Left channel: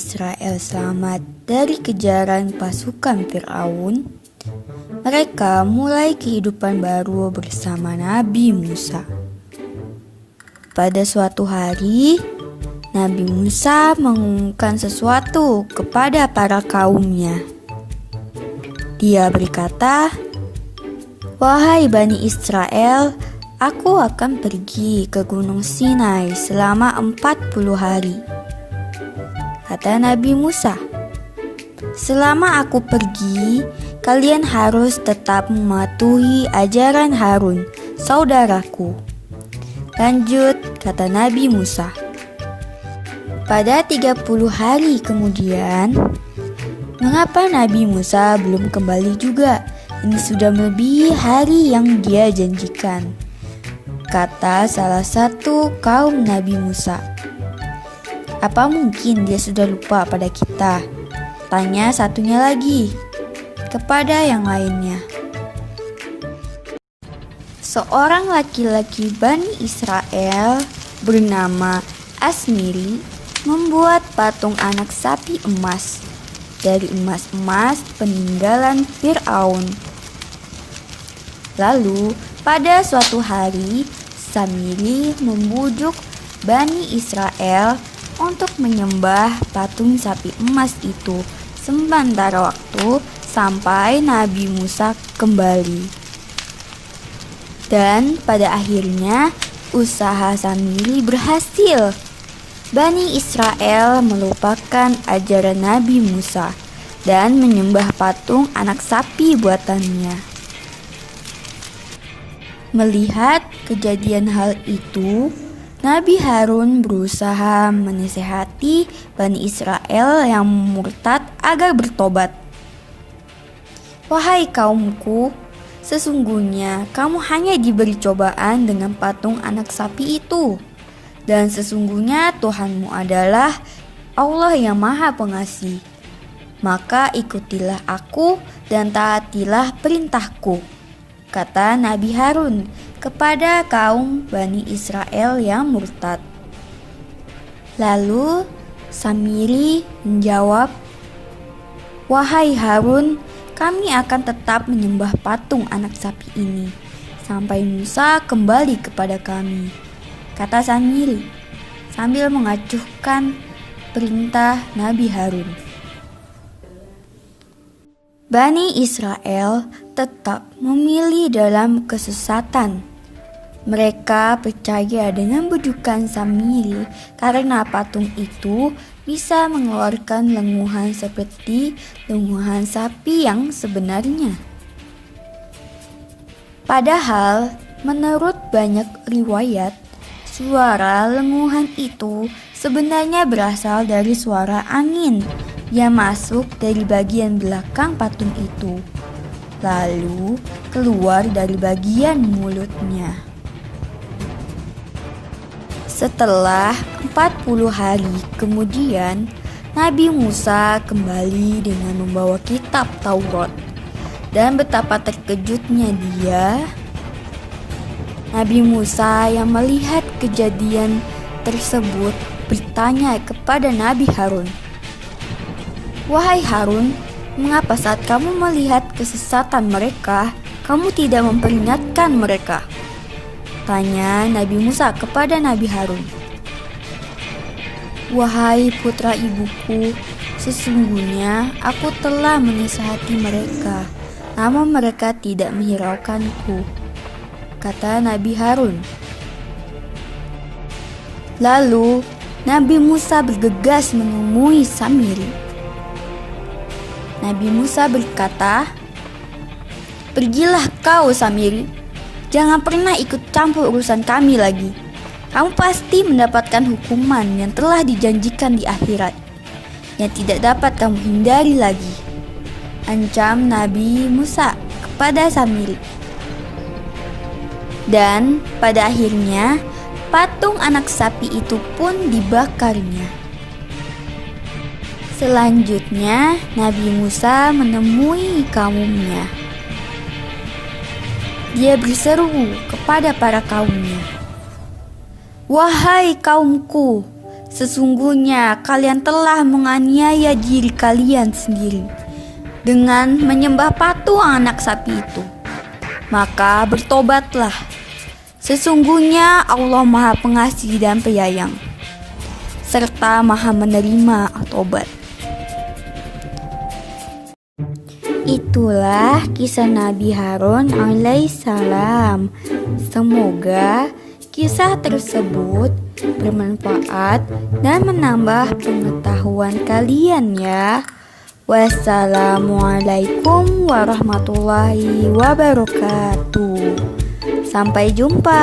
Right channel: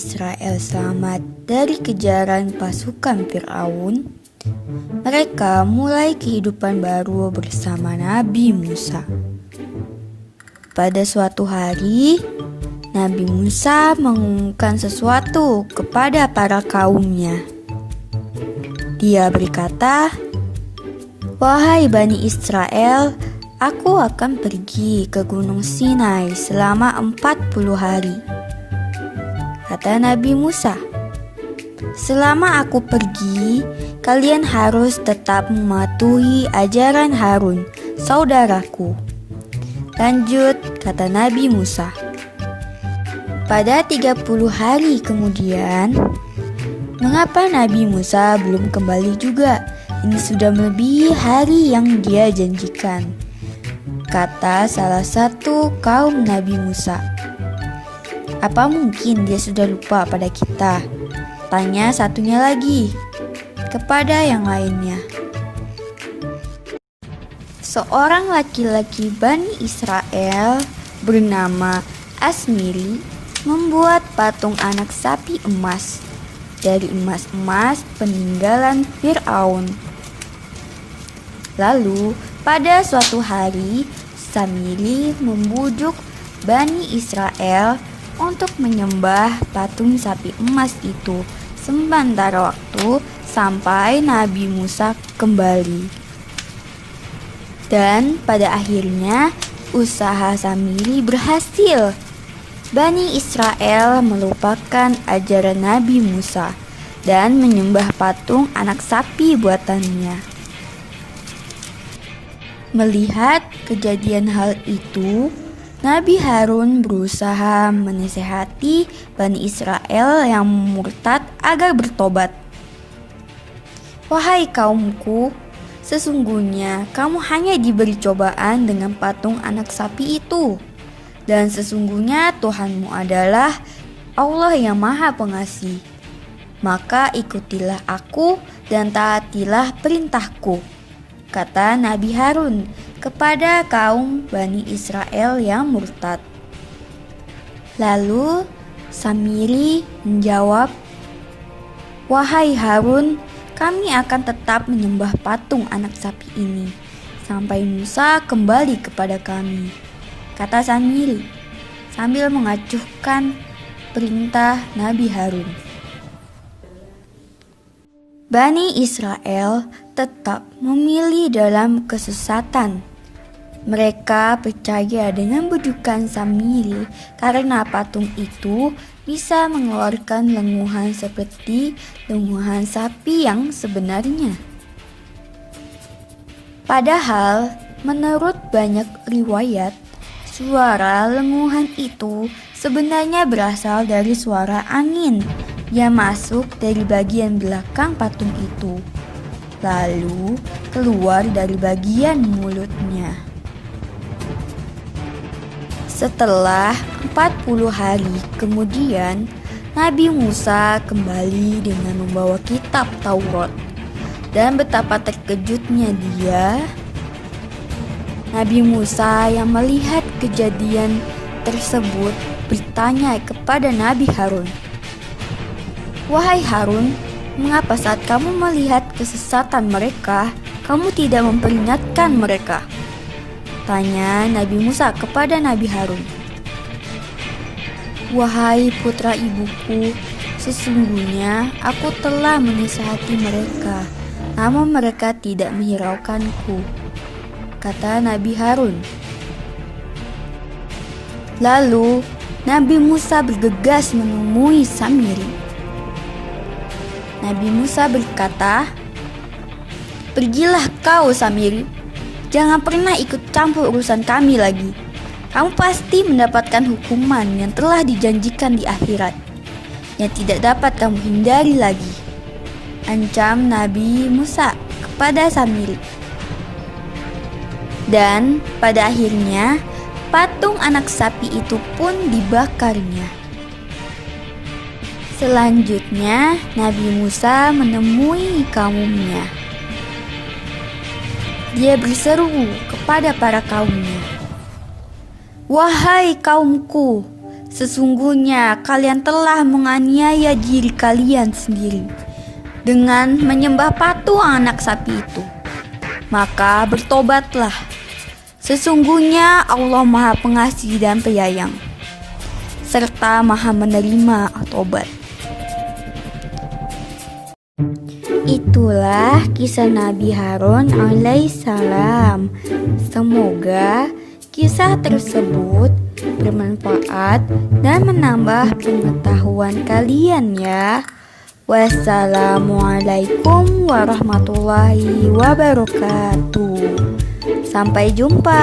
Israel selamat dari kejaran pasukan Firaun, mereka mulai kehidupan baru bersama Nabi Musa. Pada suatu hari, Nabi Musa mengumumkan sesuatu kepada para kaumnya. Dia berkata, "Wahai Bani Israel, aku akan pergi ke Gunung Sinai selama 40 hari. Kata Nabi Musa, "Selama aku pergi, kalian harus tetap mematuhi ajaran Harun, saudaraku." Lanjut, kata Nabi Musa. Pada 30 hari kemudian, mengapa Nabi Musa belum kembali juga? Ini sudah melebihi hari yang dia janjikan, kata salah satu kaum Nabi Musa. "Apa mungkin dia sudah lupa pada kita?" tanya satunya lagi kepada yang lainnya. Seorang laki-laki Bani Israel bernama Asmiri membuat patung anak sapi emas dari emas-emas peninggalan Firaun. Lalu pada suatu hari, Samiri membujuk Bani Israel untuk menyembah patung sapi emas itu sementara waktu sampai Nabi Musa kembali. Dan pada akhirnya usaha Samiri berhasil. Bani Israel melupakan ajaran Nabi Musa dan menyembah patung anak sapi buatannya. Melihat kejadian hal itu, Nabi Harun berusaha menasihati Bani Israel yang murtad agar bertobat. "Wahai kaumku, sesungguhnya kamu hanya diberi cobaan dengan patung anak sapi itu. Dan sesungguhnya Tuhanmu adalah Allah yang Maha Pengasih. Maka ikutilah aku dan taatilah perintahku," kata Nabi Harun kepada kaum Bani Israel yang murtad. Lalu Samiri menjawab, "Wahai Harun, kami akan tetap menyembah patung anak sapi ini sampai Musa kembali kepada kami," kata Samiri sambil mengacuhkan perintah Nabi Harun. Bani Israel tetap memilih dalam kesesatan. Mereka percaya dengan bujukan Samiri karena patung itu bisa mengeluarkan lenguhan seperti lenguhan sapi yang sebenarnya. Padahal, menurut banyak riwayat, suara lenguhan itu sebenarnya berasal dari suara angin yang masuk dari bagian belakang patung itu, lalu keluar dari bagian mulutnya. Setelah 40 hari kemudian, Nabi Musa kembali dengan membawa kitab Taurat. Dan betapa terkejutnya dia. Nabi Musa yang melihat kejadian tersebut bertanya kepada Nabi Harun, "Wahai Harun, mengapa saat kamu melihat kesesatan mereka, kamu tidak memperingatkan mereka?" tanya Nabi Musa kepada Nabi Harun. "Wahai putra ibuku, sesungguhnya aku telah menasihati mereka, namun mereka tidak menghiraukanku," kata Nabi Harun. Lalu Nabi Musa bergegas menemui Samiri. Nabi Musa berkata, "Pergilah kau, Samiri. Jangan pernah ikut campur urusan kami lagi. Kamu pasti mendapatkan hukuman yang telah dijanjikan di akhirat, yang tidak dapat kamu hindari lagi," ancam Nabi Musa kepada Samiri. Dan pada akhirnya patung anak sapi itu pun dibakarnya. Selanjutnya Nabi Musa menemui kaumnya. Dia berseru kepada para kaumnya, "Wahai kaumku, Sesungguhnya kalian telah menganiaya diri kalian sendiri dengan menyembah patung anak sapi itu. Maka bertobatlah. Sesungguhnya Allah Maha Pengasih dan Penyayang, serta Maha Menerima taubat. Itulah kisah Nabi Harun alaihissalam. Semoga kisah tersebut bermanfaat dan menambah pengetahuan kalian ya. Wassalamualaikum warahmatullahi wabarakatuh. Sampai jumpa.